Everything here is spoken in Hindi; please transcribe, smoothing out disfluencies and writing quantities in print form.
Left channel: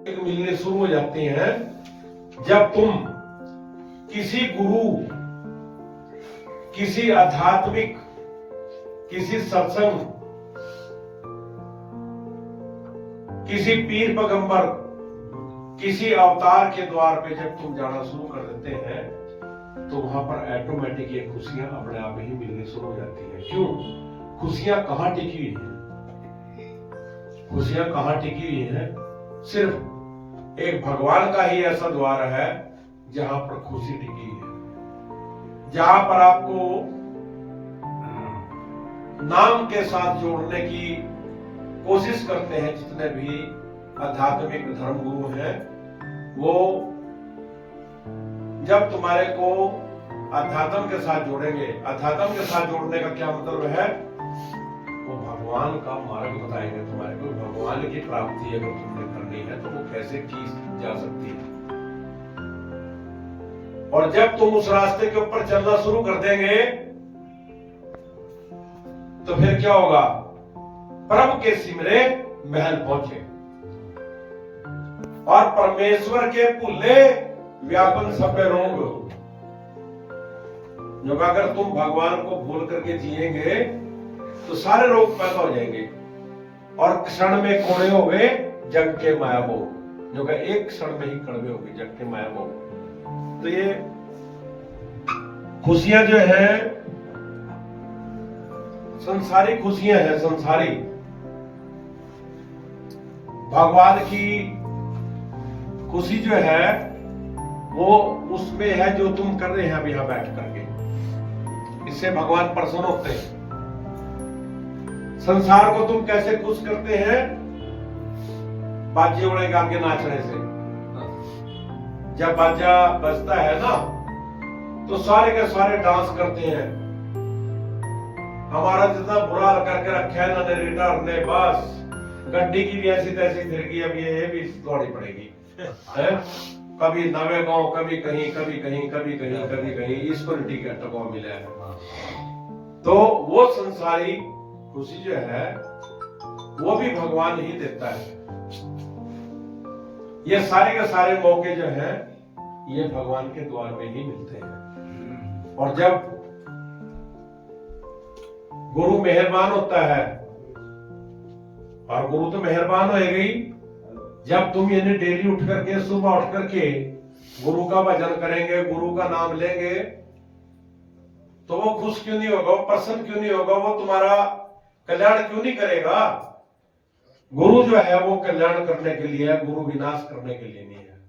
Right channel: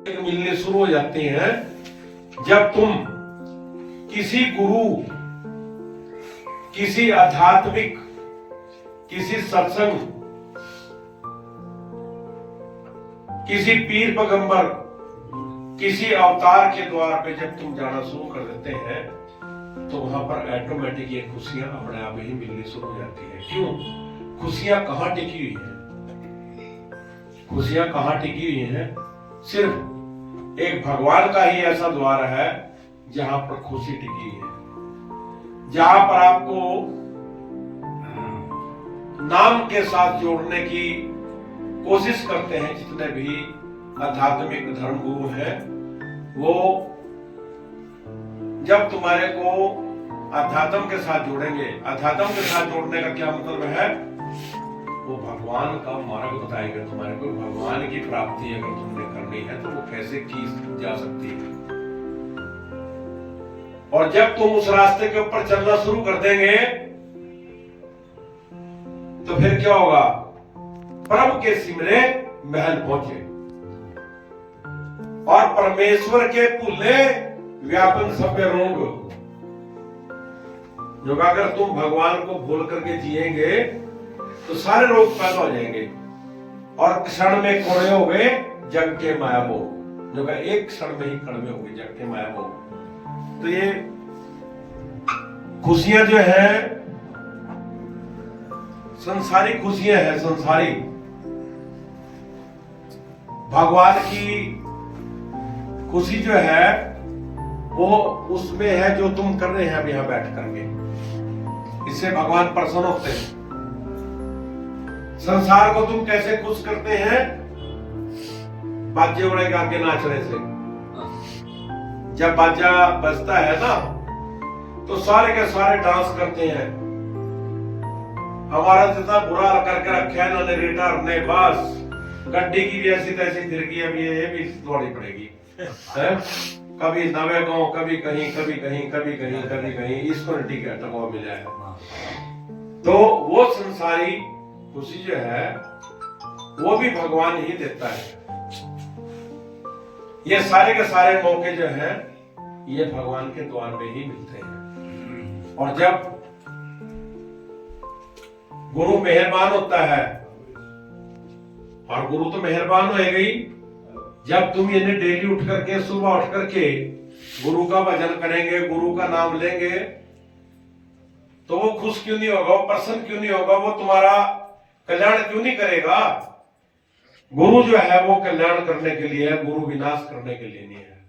मिलने शुरू हो जाते हैं जब तुम किसी गुरु, किसी आध्यात्मिक, किसी सत्संग, किसी पीर पैगंबर, किसी अवतार के द्वार पे जब तुम जाना शुरू कर देते हैं तो वहां पर ऑटोमेटिक ये खुशियां अपने आप ही मिलनी शुरू हो जाती है। क्यों? खुशियां कहां टिकी हुई है? खुशियां कहां टिकी हुई है? सिर्फ एक भगवान का ही ऐसा द्वार है जहां पर खुशी टिकी है, जहां पर आपको नाम के साथ जोड़ने की कोशिश करते हैं जितने भी आध्यात्मिक धर्म गुरु हैं। वो जब तुम्हारे को अध्यात्म के साथ जोड़ेंगे, अध्यात्म के साथ जोड़ने का क्या मतलब है? वो भगवान का मार्ग बताएगा तुम्हारे को। भगवान की प्राप्ति अगर तुमने करनी है तो वो कैसे की जा सकती है। और जब तुम उस रास्ते के ऊपर चलना शुरू कर देंगे तो फिर क्या होगा? प्रभु के सिमरे महल पहुंचे और परमेश्वर के पुल्ले व्यापन सब रोग। जो अगर तुम भगवान को भूल करके जिएंगे तो सारे रोग पैदा हो जाएंगे और क्षण में कोड़े हो गए जग के माया भोग। जो एक क्षण में ही कड़वे हो गए जग के माया भोग। तो ये खुशियां जो है संसारी खुशियां हैं, संसारी। भगवान की खुशी जो है वो उसमें है जो तुम कर रहे हैं अब यहां बैठ करके। इससे भगवान प्रसन्न होते हैं। संसार को तुम कैसे खुश करते हैं? बाजे उड़े गा के नाचने से। जब बाजा बजता है ना तो सारे के सारे डांस करते हैं। हमारा जितना बुरा करके रखा है ना नरेटर ने, बस गड्डी की भी ऐसी तैसी फिरकी, अब ये भी दौड़ी पड़ेगी है? कभी नवे गांव, कभी कहीं, कभी कहीं, कभी कहीं, कभी कहीं, इसको टिकट टको मिला है। तो वो संसारी खुशी जो है वो भी भगवान ही देता है। ये सारे के सारे मौके जो हैं ये भगवान के द्वार में ही मिलते हैं। और जब गुरु मेहरबान होता है, और गुरु तो मेहरबान होएगा ही, जब तुम इन्हें डेली उठ करके, सुबह उठ करके गुरु का भजन करेंगे, गुरु का नाम लेंगे, तो वो खुश क्यों नहीं होगा? वो प्रसन्न क्यों नहीं होगा? वो तुम्हारा कल्याण क्यों नहीं करेगा? गुरु जो है वो कल्याण करने के लिए है, गुरु विनाश करने के लिए नहीं है।